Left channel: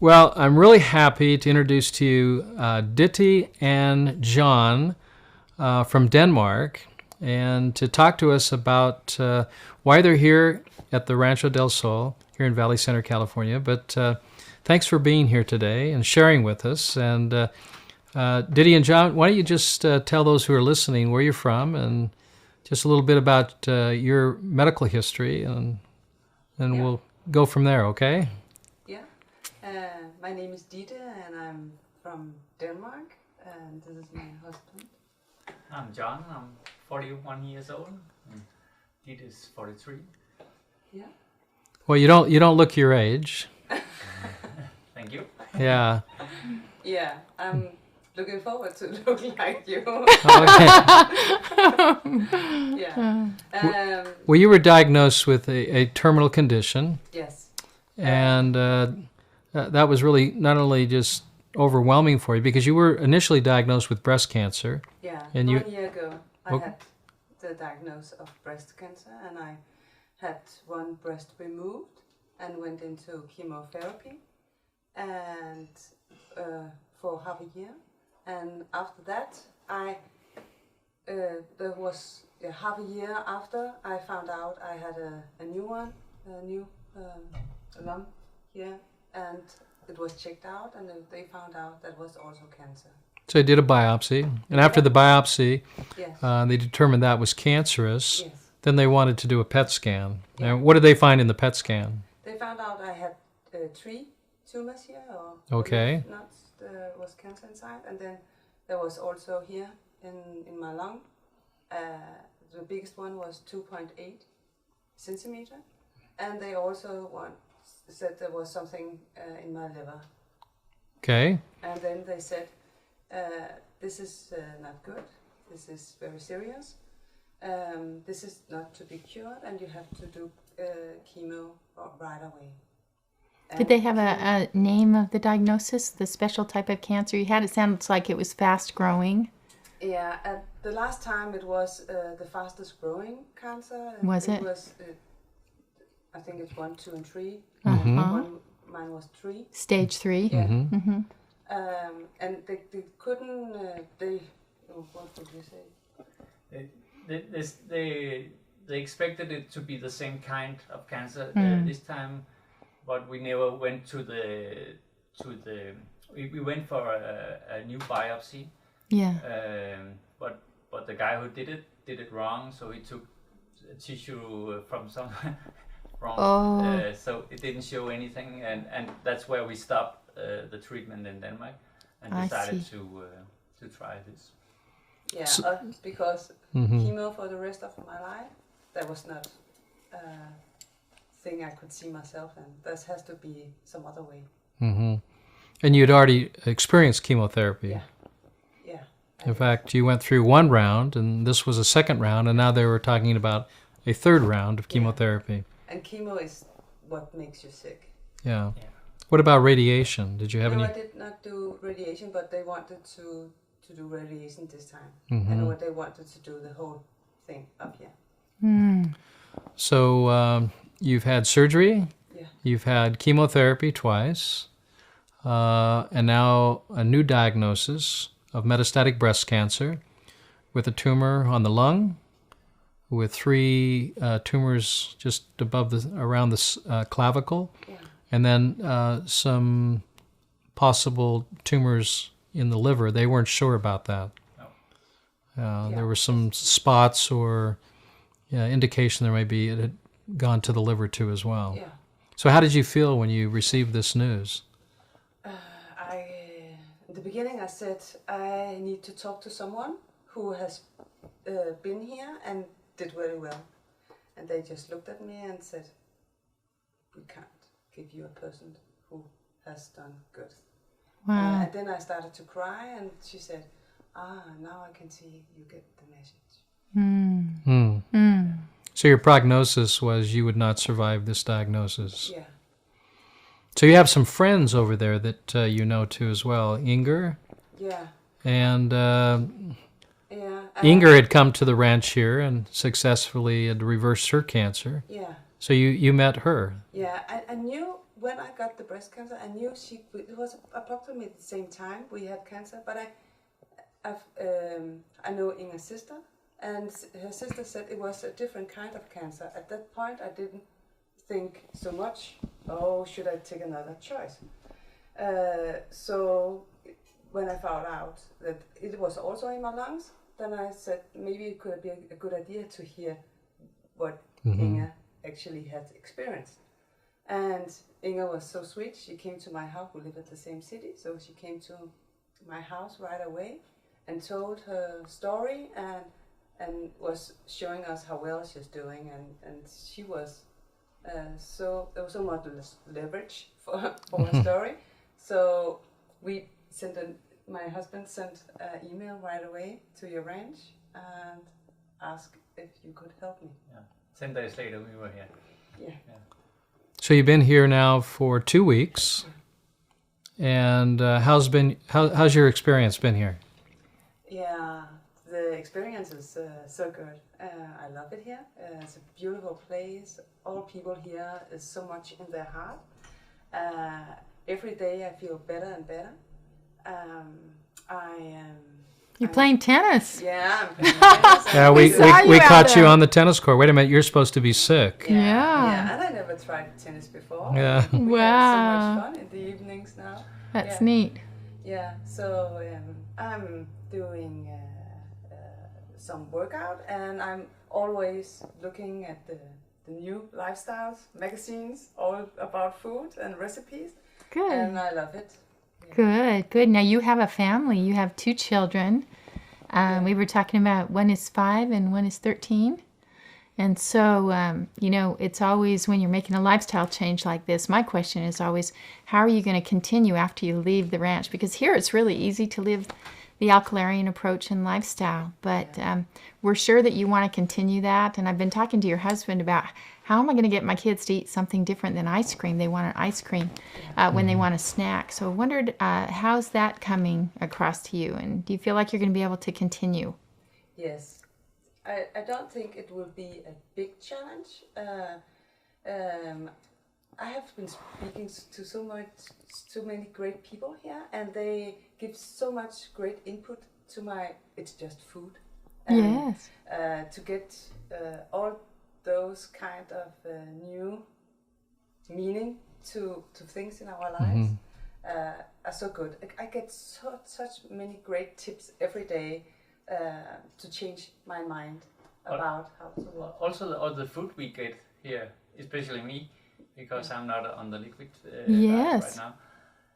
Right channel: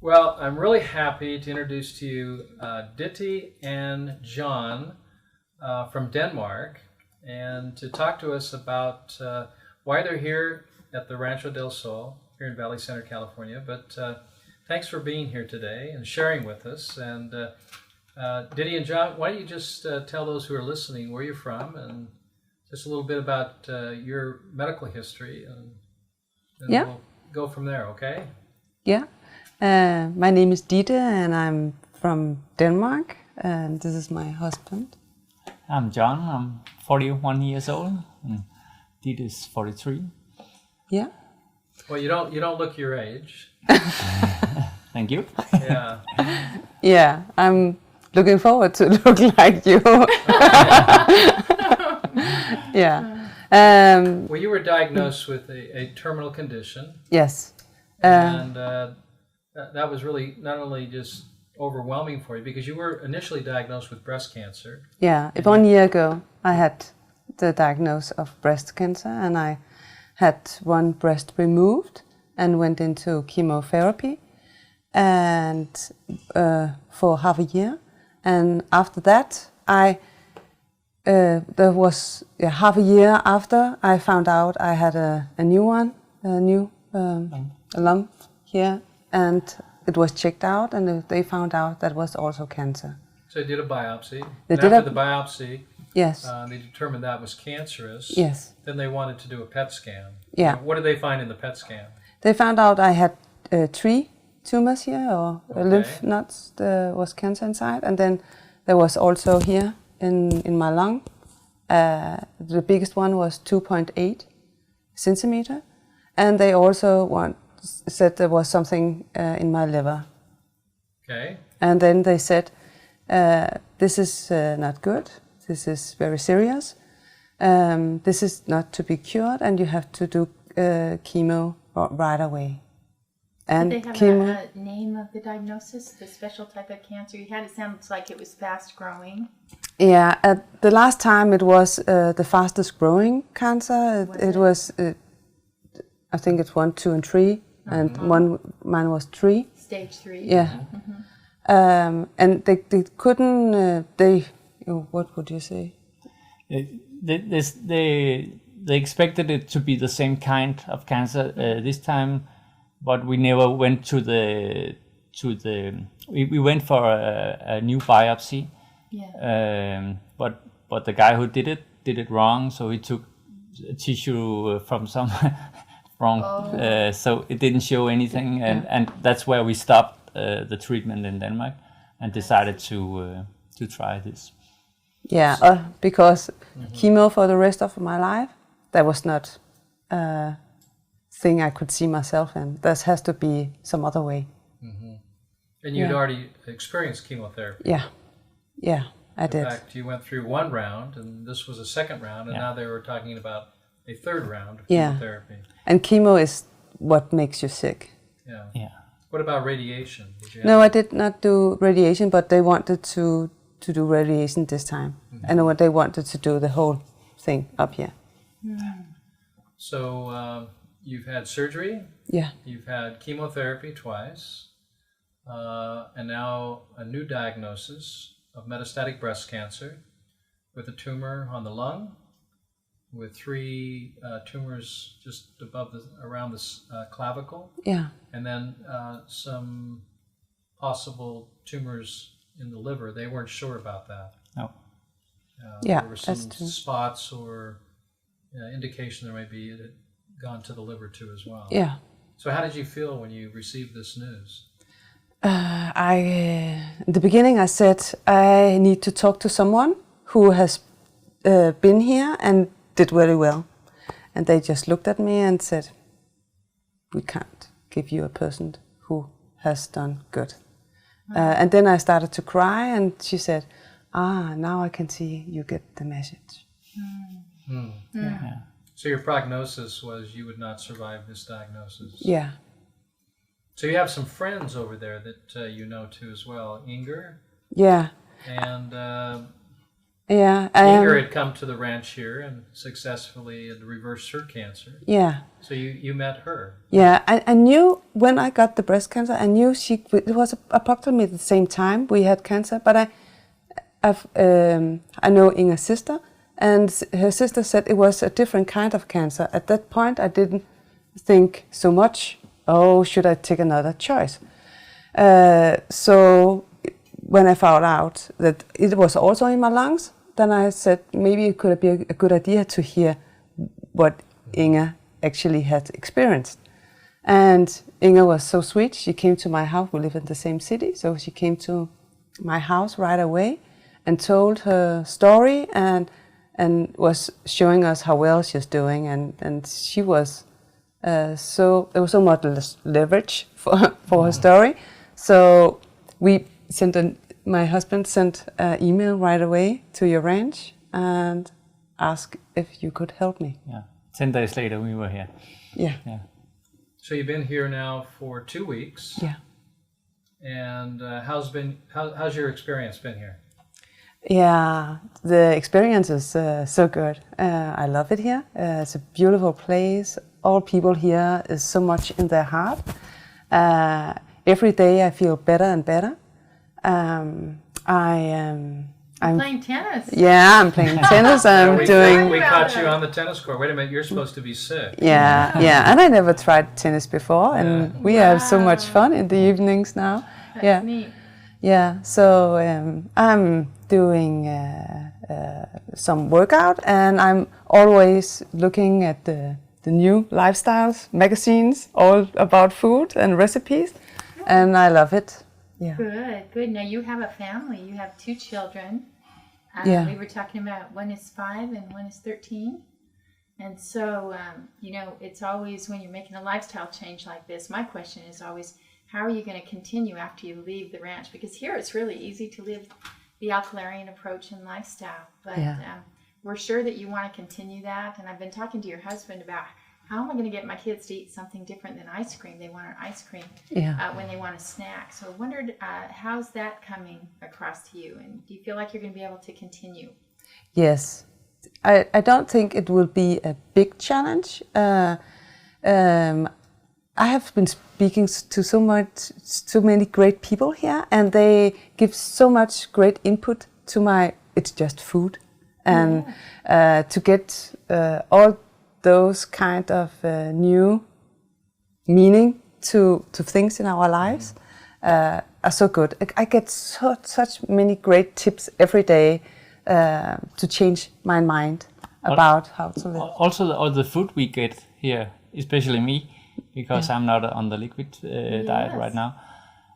Well, I'm really happy to introduce to you Ditte and John from Denmark, and to talk to us about why they're here at the Rancho del Sol here in Valley Center, California. But thanks for being here today and sharing with us. And Ditte and John, why don't you just tell those who are listening where you're from and just a little bit about your medical history, and we'll go from there, okay? Yeah. My name is Ditte, and I'm from Denmark, and this is my husband. I'm John. I'm 41 years old, and Ditte is 43. Yeah. Well, you don't look your age. Thank you. Yeah. Yeah, I'm looking forward to look like you. Yeah. Well, you were diagnosed with a terminal condition. Yes. And that was really not only just overwhelming for you, because you were initially diagnosed with breast cancer. Yeah, and 1 year ago I had the diagnosis of breast cancer, and I had one breast removed and went into chemotherapy and for half a year. And after that, there was half a year after I found out I had a new lump here, and it was checked out, and they found out that was also cancer. So they did a biopsy, and after the biopsy, yes, they determined that was cancerous. Yes. Then they wanted to do a PET scan. Yeah. And what did they find in the PET scan? They found out I had 3 tumors here, or Okay. lymph nodes. There was cancer inside, and then there was also here in my lung. The biggest one was 2.8 centimeter, and they also said there was something in my liver. Okay. And then they said, this is not good, this is very serious, this is not to be cured, and you have to do chemo right away. And did they have a name of the diagnosis, the special type of cancer you had? It sounds like it was fast growing. Yeah, at the last time it was the fastest growing cancer. It was, I think it's 1, 2, and 3, and mine was 3. Stage 3. Yeah. And they couldn't, what would you say? They expected it to be the same kind of cancer this time, but we never went to the. We went for a new biopsy. Yeah. But the guy who did it wrong, so he took a tissue from some wrong, so it didn't show anything, and that's where we stopped the treatment in Denmark and decided to try this. Yeah, because chemo for the rest of my life, that was not a thing I could see myself in. There has to be some other way. Mm-hmm. And you'd already experienced chemotherapy. Yeah, I did. In fact, you went through 1 round, and this was a 2nd round, and now they were talking about a 3rd round of chemotherapy. And chemo is what makes you sick. Yeah. What about radiation? Did you have No, I did not do radiation, but they wanted to do radiation this time. And they wanted to do the whole thing up here. So you've had surgery. Yeah. You've had chemotherapy twice, and now a new diagnosis of metastatic breast cancer with a tumor on the lung, with 3 tumors just around the clavicle. Yeah. And then some possible tumors in the liver. They weren't sure about that. No. There were some spots or indication there may be it had gone to the liver too as well. Yeah. So how did you feel when you received this news? In the beginning I said, I need to talk to someone who has been here and did very well. And they just looked at me and said, we can't give you a person who has done good. Wow. And then I started to cry, and she said, now I can see you get the message. Yeah. So your prognosis was you would not survive this diagnosis. Yeah. So you have some friends over there that you know too as well. Inger? Yeah. And Yeah. Inger had come to the ranch here and successfully had reversed her cancer. Yeah. So you met her. Yeah, I knew when I got the breast cancer, I knew it was approximately the same time we had cancer, but I know Inge's sister, and her sister said it was a different kind of cancer. At that point, I didn't think so much, oh, should I take another choice? So when I found out that it was also in my lungs, then I said maybe it could be a good idea to hear what Inge actually had experienced. And Inge was so sweet. She came to my house. We live in the same city, so she came to my house right away and told her story and was showing us how well she's doing. And she was there was so much leverage for her story. So my husband sent an email right away to your ranch and asked if you could help me. Yeah. 10 days later, we were here. Yeah. So you've been here now for 2 weeks. Yeah. And how's your experience been here? Yeah, the experience is so good. I love it here. It's a beautiful place. All people here is so much in their heart. Every day I feel better and better. You're playing tennis. Yeah, I'm playing tennis. We caught you on the tennis court. Wait a minute, you're supposed to be sick. Yeah, and I never tried tennis before, and we have so much fun in the evenings now. That's neat. Yeah, so I'm doing some workout, and I'm always looking at the new lifestyles magazines, all about food and recipes, and I love it. Yeah. Good. Now you have a family. You have 2 children. We were talking about one is 5 and one is 13. And so, it's always when you're making a lifestyle change like this, my question is always, how are you going to continue after you leave the ranch? Because here it's really easy to live the alkalarian approach and lifestyle. But we're sure that you want to continue that. And I've been talking to your husband about how am I going to get my kids to eat something different than ice cream? They want an ice cream when they want a snack. So I wondered, how's that coming across to you? And do you feel like you're going to be able to continue? Yes. I don't think it will be a big challenge. I have been speaking to so many great people here, and they give so much great input to it's just food. And to get all those kind of new meaning to things in our lives are so good. I get such many great tips every day to change my mind about how to live. Also, all the food we get here, especially me, because I'm not on the liquid diet right now,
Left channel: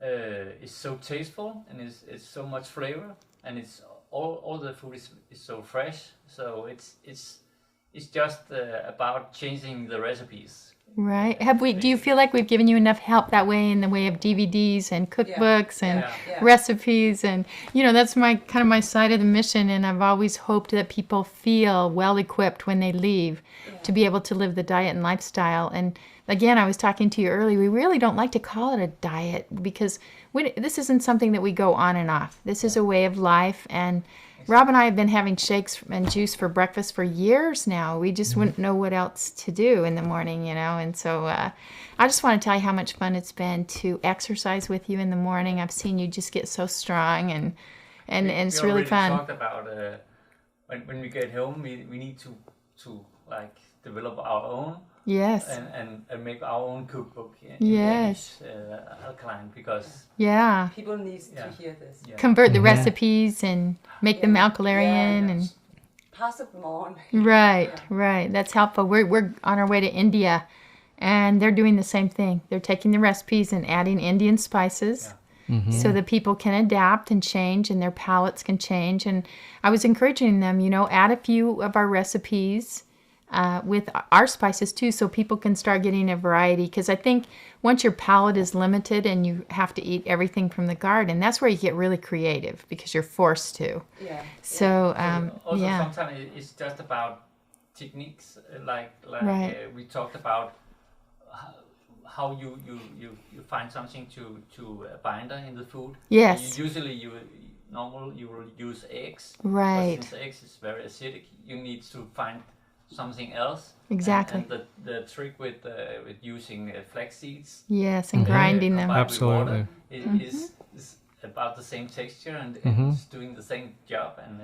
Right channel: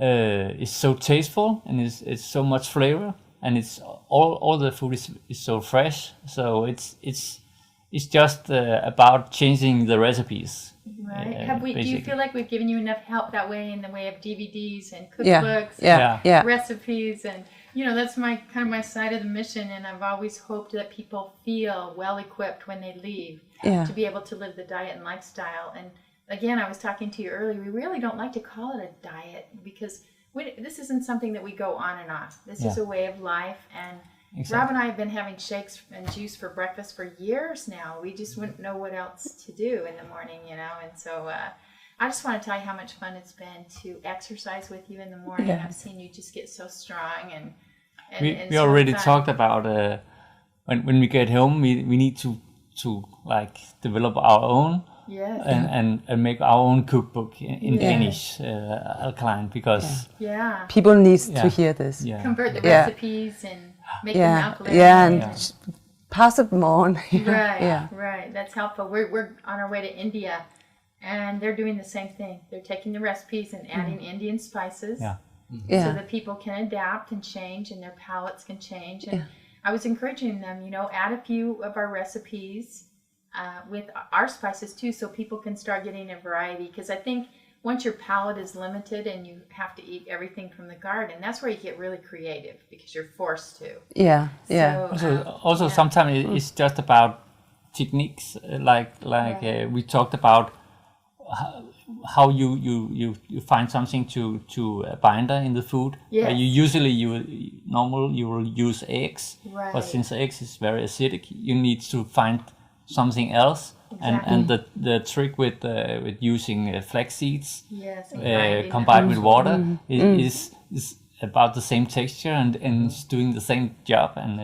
is so tasteful, and it's so much flavor, and it's all the food is so fresh. So it's just about changing the recipes. Right. Do you feel like we've given you enough help that way in the way of DVDs and cookbooks and recipes? And, that's my side of the mission. And I've always hoped that people feel well equipped when they leave to be able to live the diet and lifestyle. And again, I was talking to you earlier, we really don't like to call it a diet because this isn't something that we go on and off. This is a way of life. And Rob and I have been having shakes and juice for breakfast for years now. We just wouldn't know what else to do in the morning, And so I just want to tell you how much fun it's been to exercise with you in the morning. I've seen you just get so strong, and it's we already really fun. Talked about when we get home, we need to develop our own. Yes. And make our own cookbook in Danish, alkaline, because people need to hear this. Yeah. Convert the recipes and make them alkalarian and pass it on. Right. That's helpful. We're on our way to India, and they're doing the same thing. They're taking the recipes and adding Indian spices so that people can adapt and change, and their palates can change. And I was encouraging them, add a few of our recipes with our spices too, so people can start getting a variety. Because I think once your palate is limited and you have to eat everything from the garden, that's where you get really creative because you're forced to. So also sometimes it's just about techniques, we talked about how you find something to binder in the food. Yes. You will use eggs, right? But since eggs is very acidic, you need to find something else. Exactly. And the trick with using flax seeds, yes, and grinding combined them. with water, is about the same texture and it's doing the same job, and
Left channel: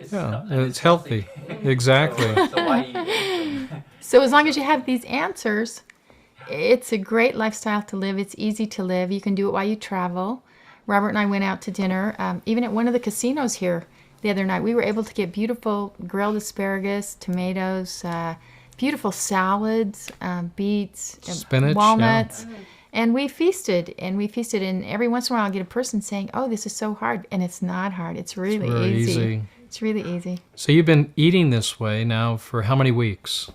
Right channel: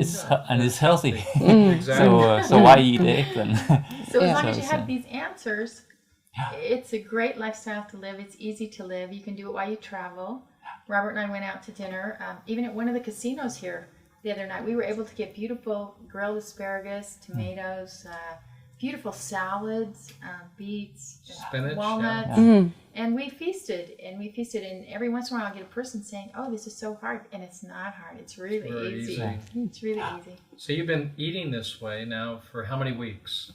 it's healthy. Exactly. So why eat it? And so as long as you have these answers, it's a great lifestyle to live. It's easy to live. You can do it while you travel. Robert and I went out to dinner, even at one of the casinos here the other night. We were able to get beautiful grilled asparagus, tomatoes, beautiful salads, beets, spinach, walnuts, and we feasted. And every once in a while, I get a person saying, "Oh, this is so hard," and it's not hard. It's really easy. It's really easy. So you've been eating this way now for how many weeks?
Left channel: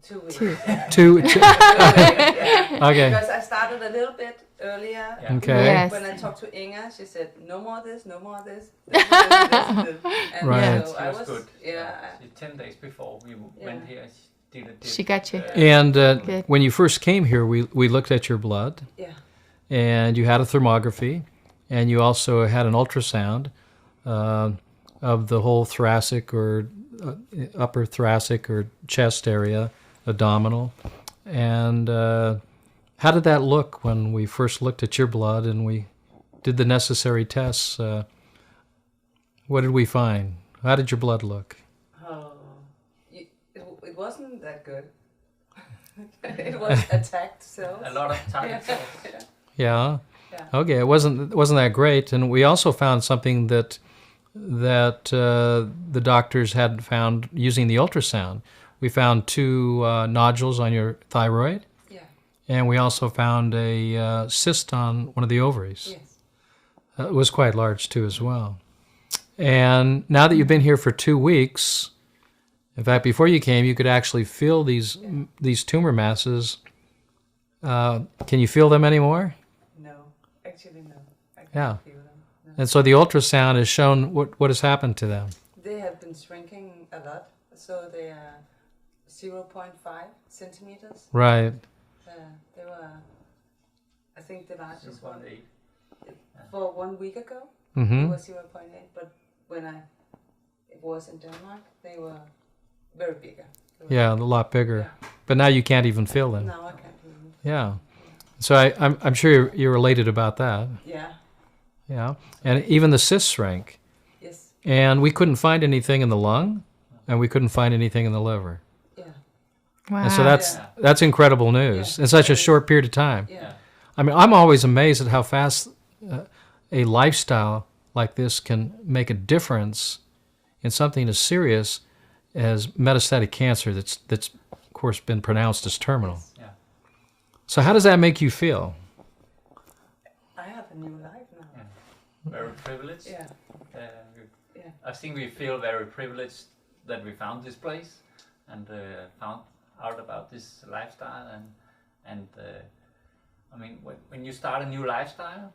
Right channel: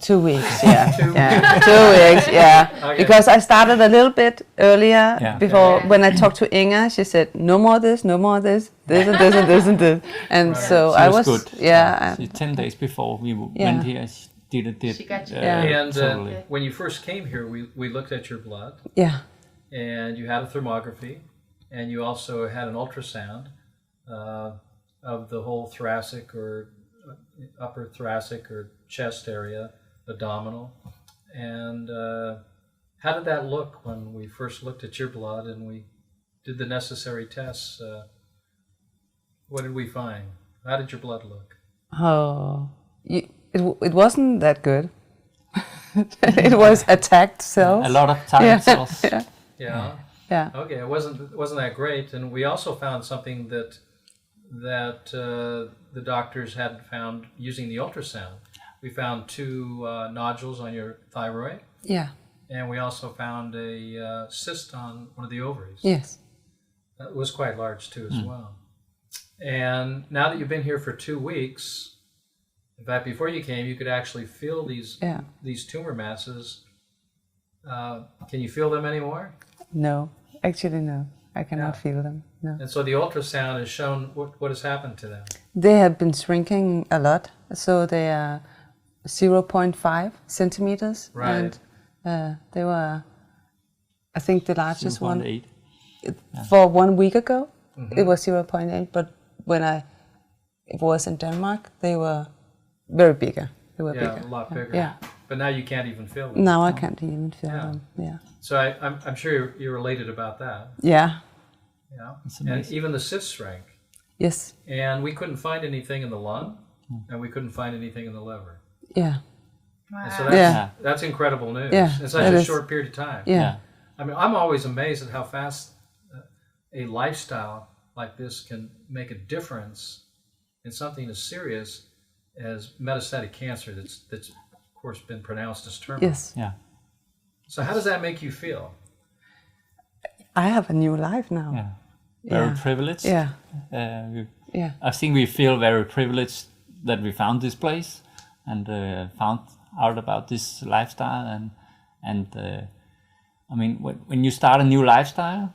2 weeks, yeah. 2 weeks, yeah. Okay. Because I started a little bit earlier before. Yes. When I talked to Inga, she said, "No more this, no more this, this and this and this and this." And Right. so she I was good. yeah. She, 10 days before we went here, she did it. She got you. And totally. when you first came here, we looked at your blood, Yeah. and you had a thermography, and you also had an ultrasound of the whole thoracic or upper thoracic or chest area, abdominal. And how did that look when we first looked at your blood and we did the necessary tests? What did we find? How did your blood look? Oh, it wasn't that good. It was attacked cells. A lot of target cells. Yeah. Yeah. Okay, it wasn't that great, and we also found something that the doctors had found using the ultrasound. We found 2 nodules on your thyroid, Yeah. and we also found a cyst on one of the ovaries. Yes. It was quite large too, as well. And now that you've been here for 2 weeks, in fact, before you came, you could actually feel these tumor masses. Can you feel them anymore? No, actually no. I cannot feel them. No. And so the ultrasound has shown what has happened to them. They have been shrinking a lot, so they are 0.5 centimeters. Right. And, they were, I think the largest one 0.8. for 1 week ago. It was 0.8, but when it was in Denmark, they were very bigger. They were Yeah, bigger. a lot bigger. Yeah. But now you can't even feel them. Now I can't even feel Yeah. them. Yeah. So I'm sure you're elated about that. Yeah. Yeah. And even the cysts shrank. Yes. And we couldn't find anything in the lung, and we couldn't find anything in the liver. Yeah. Wow. And so Yeah. that's incredible news Yeah, in such it a is. short period of time. Yeah. I mean, I'm always amazed at how fast a lifestyle like this can make a difference in something as serious as metastatic cancer that's of course been pronounced as terminal. Yes. Yeah. So how does that make you feel? I have a new life now. Yeah. Very privileged. Yeah. Yeah. I think we feel very privileged that we found this place and found out about this lifestyle and I mean when you start a new lifestyle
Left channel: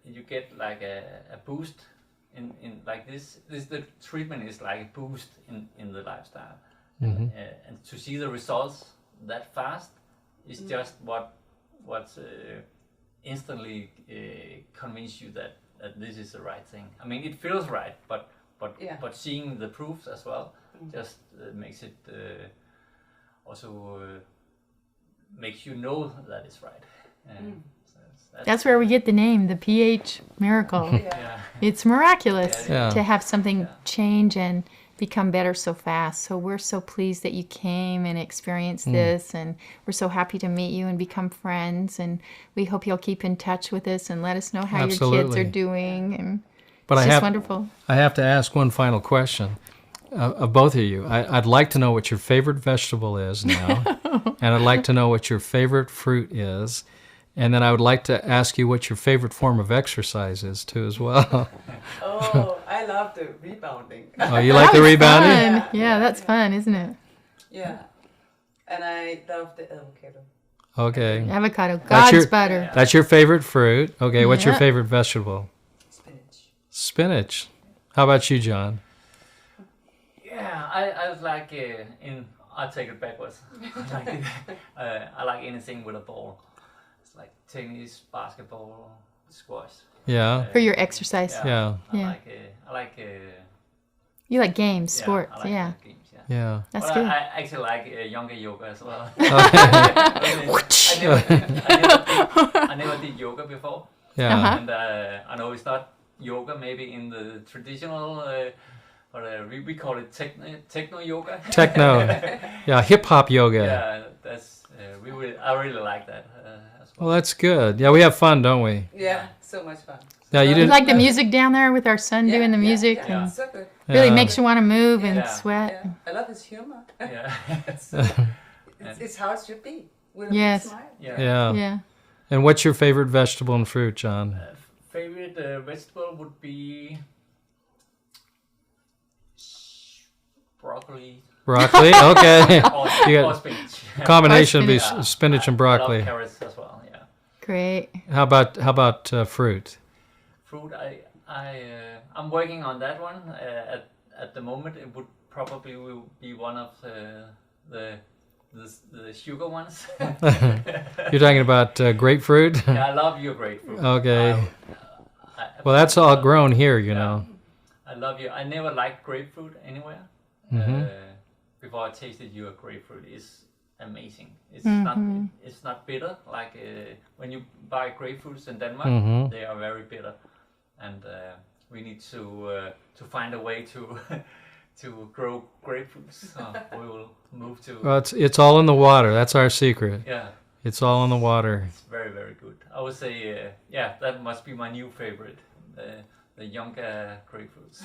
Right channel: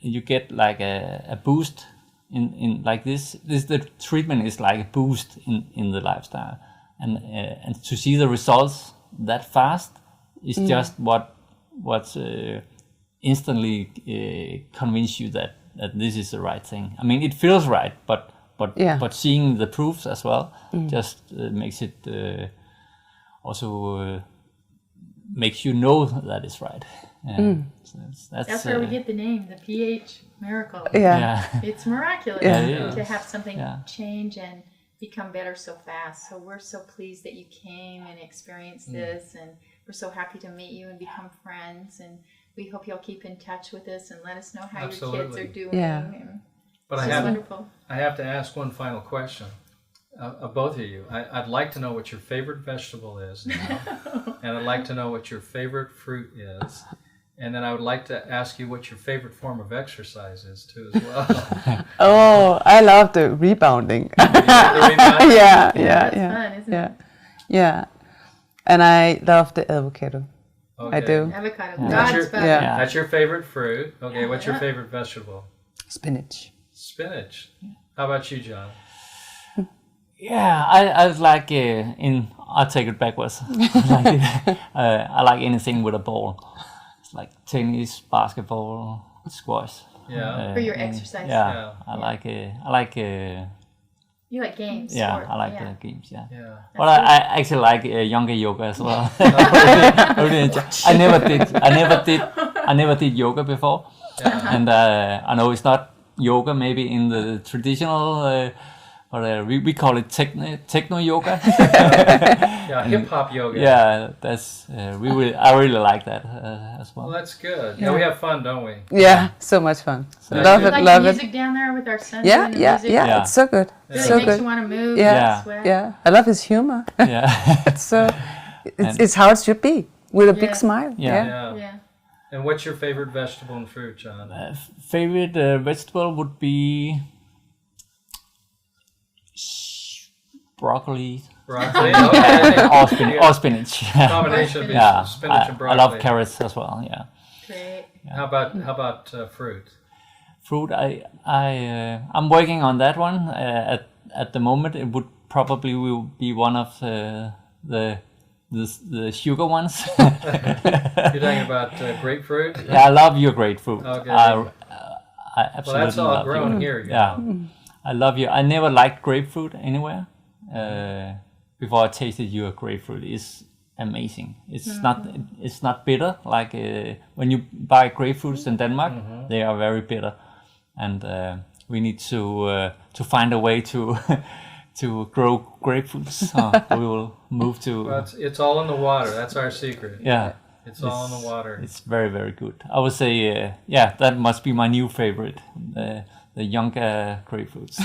you get like a boost in like this the treatment is like a boost in the lifestyle and to see the results that fast is just what's instantly convince you that this is the right thing. I mean, it feels right, but seeing the proofs as well just makes it also makes you know that it's right. So that's where we get the name, the pH miracle. Yeah. It's miraculous Yeah. to have something change and become better so fast. So we're so pleased that you came and experienced this, and we're so happy to meet you and become friends, and we hope you'll keep in touch with us and let us know how your kids Absolutely. are doing. Yeah. And But it's just wonderful. I have to ask one final question of both of you. I'd like to know what your favorite vegetable is now, and I'd like to know what your favorite fruit is, and then I would like to ask you what your favorite form of exercise is too as well. Oh, I love the rebounding. Oh, you like the rebounding? Yeah, that's fun, isn't it? Yeah. And I love the avocado. Okay. I do. Avocado, That's God's your- butter. Yeah. That's your favorite fruit. Okay, what's your Yeah. favorite vegetable? Spinach. Spinach. How about you, John? Yeah, I like I'll take it backwards. I like anything with a ball. It's like tennis, basketball, squash. Yeah. For your exercise. Yeah, Yeah. I like You like games, sports. I like games. Yeah. Yeah. But I actually like younger yoga as well. I never did yoga before. Yeah. And I know it's not yoga maybe in the traditional. But we call it techno yoga. Yeah, hip hop yoga. Yeah, that's I really like that as well. Well, that's good. Yeah, we have fun, don't we? Yeah, so much fun. You like the music down there with our son doing the music? Yeah, it's so good. Really so makes good. you want to move and sweat. Yeah, I love his humor. Yeah, it's how it should be, with a big smile. Yeah. And what's your favorite vegetable and fruit, John? Favorite vegetable would be broccoli. Broccoli, okay. or spinach. Combination of spinach and broccoli. I love carrots as well. Yeah. Great. How about fruit? Fruit, I'm working on that one. At the moment, it would probably will be one of the sugar ones. You're talking about grapefruit? Yeah, I love your grapefruit. Okay. Well, that's all grown here, you know. I love you. I never liked grapefruit anywhere. Before I tasted your grapefruit, is amazing. It's not bitter like when you buy grapefruits in Denmark. They are very bitter, and we need to find a way to grow grapefruits. We will move to. Well, it's all in the water. That's our secret. Yeah, it's all in the water. It's very, very good. I would say, that must be my new favorite. The younger grapefruits.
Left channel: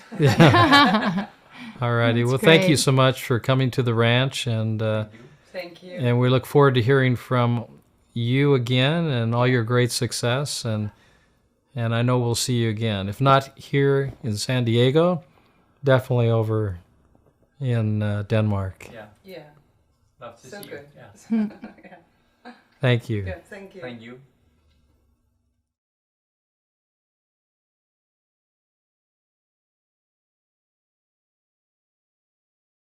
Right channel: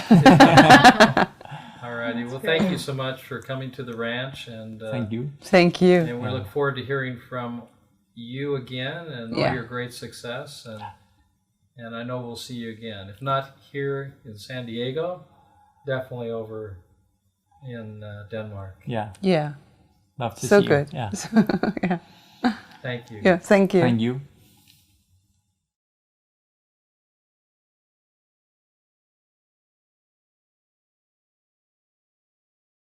Alrighty. Well, thank you so much for coming to the ranch, and thank you. Thank you. And we look forward to hearing from you again and all your great success, and I know we'll see you again. If not here in San Diego, definitely over in Denmark. Yeah. Yeah. Love to so see good. you. Yeah. Yeah. Thank you. Yeah. Thank you. Thank you.